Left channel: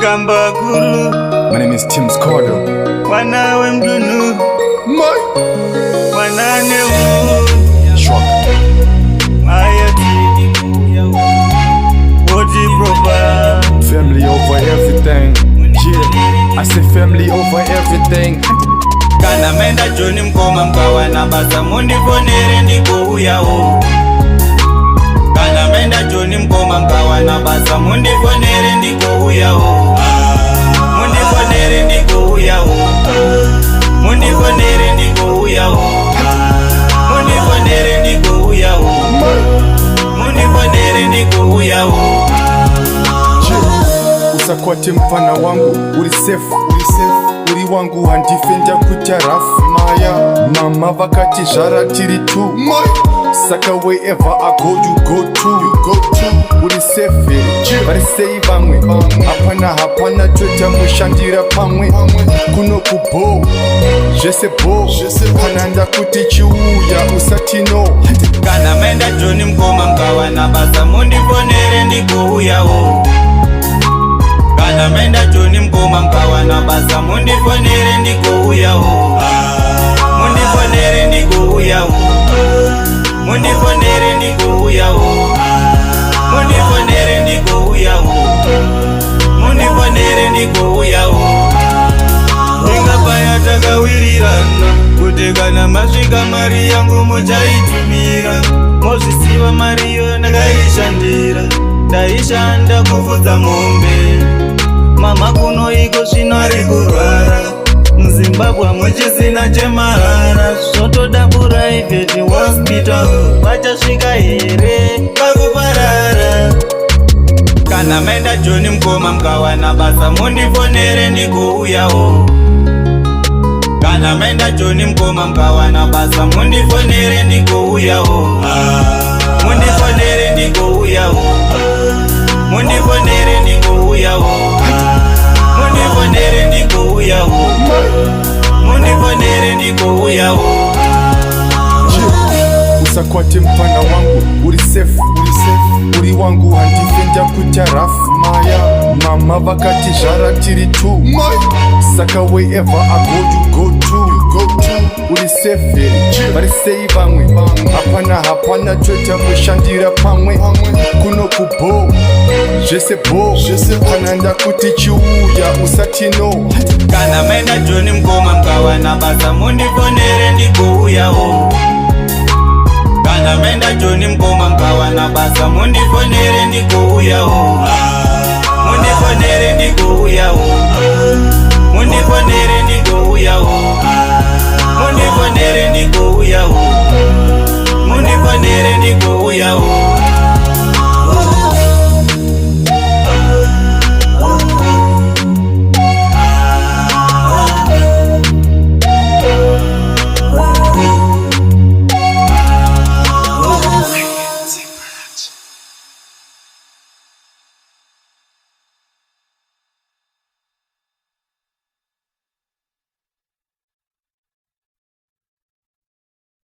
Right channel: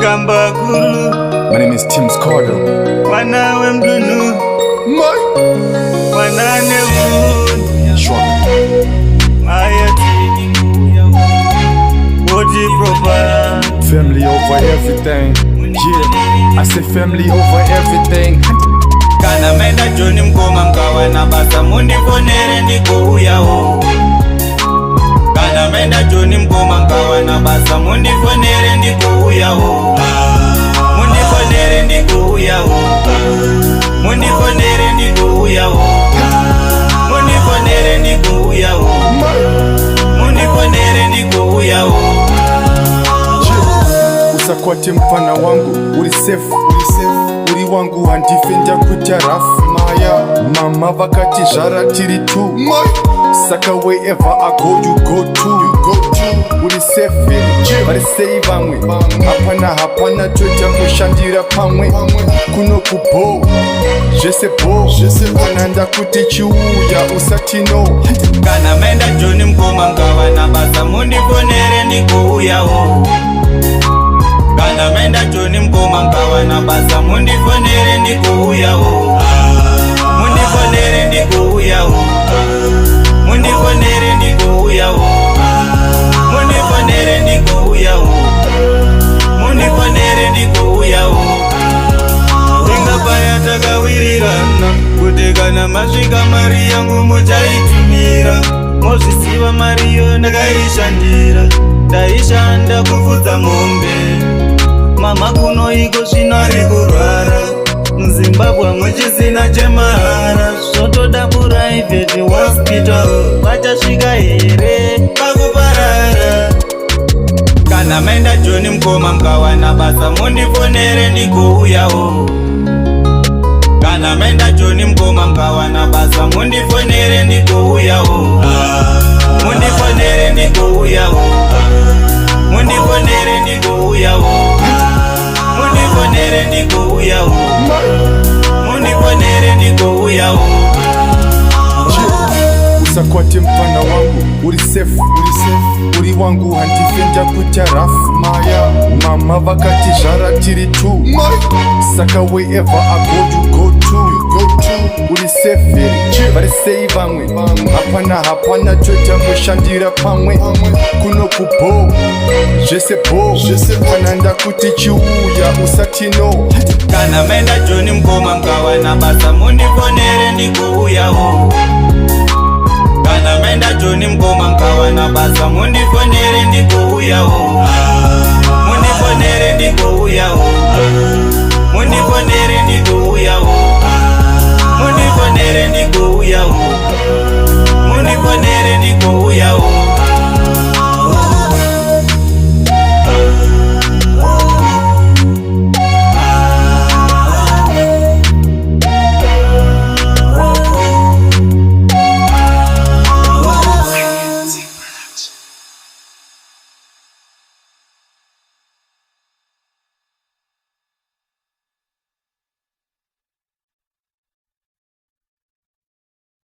Gamba Guru. My name is Tim Scardo. Wanawe mdunu. Wanane un. Shock. Ayati. Odi proper. Family over everything. Yeah, I say family over everything. Kana menda Johnny mkoma mkawa na basa mundi fonere ndiko uyao. Kana menda Johnny mkoma mkawa na basa mundi fonere ndiko uyao. Mundi fonere ndiko uyao. Mundi fonere ndiko uyao. Mundi fonere ndiko uyao. Mundi fonere ndiko uyao. Usakwate mfana wangu, uri safe. Uri wangu handifenda kuta rafu maya. Mama vakati jara tiri tu saka wherever I go you go to. Uri safe vari sei vamwe hapana toita mushandira pamwe kuno kubo zvese bo kana ndakuti chiuya usati no. Kana menda Johnny mkoma mkawa na basa mundi fonere ndiko uyao. Kana menda Johnny mkoma mkawa na basa mundi fonere ndiko uyao. Mundi fonere ndiko uyao. Mundi fonere ndiko uyao. Mundi fonere ndiko uyao. Mundi fonere ndiko uyao. Inga paya takawirirana kuti kana masvika mari yangu muchaitumira. Mozvisiva mari yo ndakaishandira. Ndaishanda kufudza mombe. Mama kuno iko zvino ari kurwara. Muzimbabwe muchisina chemahara. Zvotoda private hospital. Vachasvika here pakuparara. Kana menda Johnny mkoma mkawa na basa mundi fonere ndiko uyao. Kana menda Johnny mkoma mkawa na basa mundi fonere ndiko uyao. Mundi fonere ndiko uyao. Mundi fonere ndiko uyao. Mundi fonere ndiko uyao. Mundi fonere ndiko uyao. Usakwate mfana wangu, uri safe. Uri wangu handifenda kuta rafu maya. Mama vakati jara tiri tu saka wherever I go you go to. Uri safe vari sei vamwe hapana toita mushandira pamwe kuno kubo zvese bo kana ndakuti chiuya usati no. Kana menda Johnny mkoma mkawa na basa mundi fonere ndiko uyao. Kana menda Johnny mkoma mkawa na basa mundi fonere ndiko uyao. Mundi fonere ndiko uyao. Mundi fonere ndiko uyao. Mundi fonere ndiko uyao. Mundi fonere ndiko uyao.